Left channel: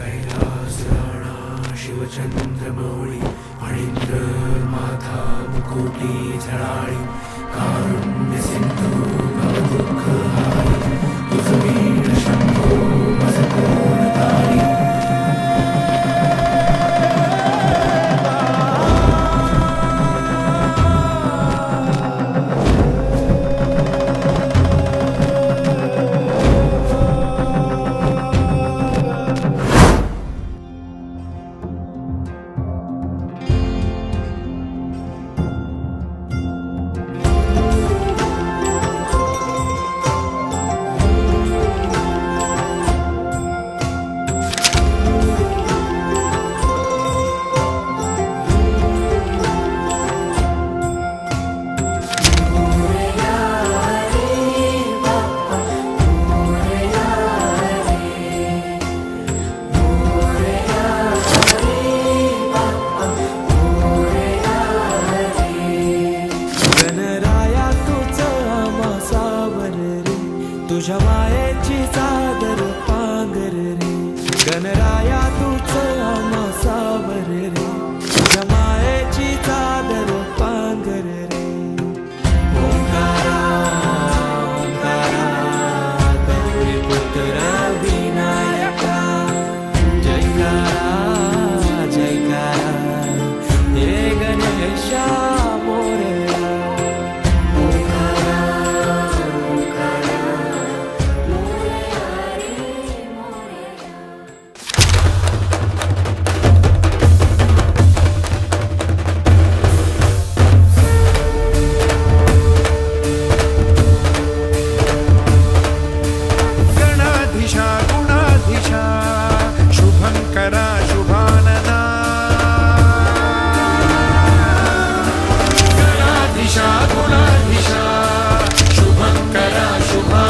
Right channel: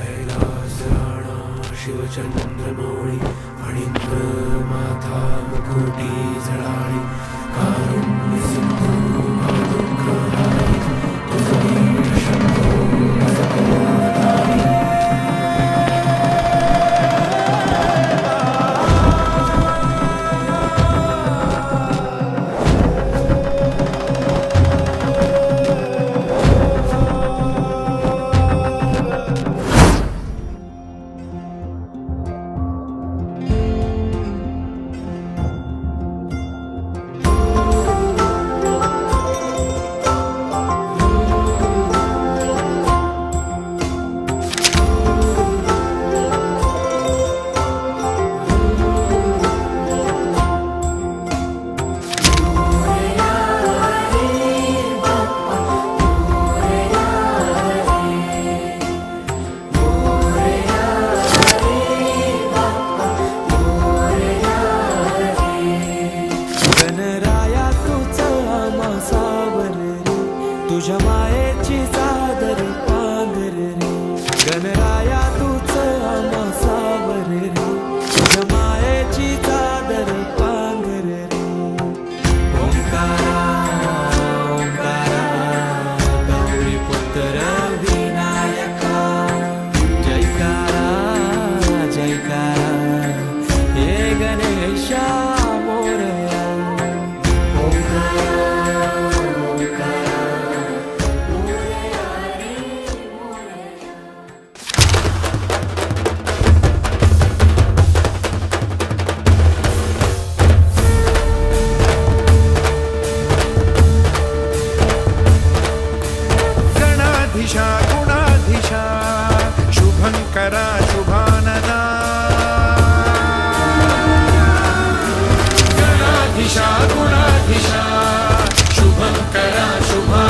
कैलास राणा शिवचंद्रमौळी फणींद्र माथा मुकुटी झळाळी कारुण्य सिंधू भवदुःखहारी तुझ वीर शंभो असकोदारी गणराया तुझं आम्हा सावर रे तुझ्या मायेची चादर पांघर रे गणराया तुझं आम्हा सावर रे तुझ्या मायेची चादर पांघर रे ओंकारा ओंकारा गौरी पुत्र विनायका जयकारा जयकारा हे गणेशा मोरया गणाधीशा गुणाधीशा शुभंकरा शुभानना गणाधीशा गुणाधीशा शुभंकरा शुभा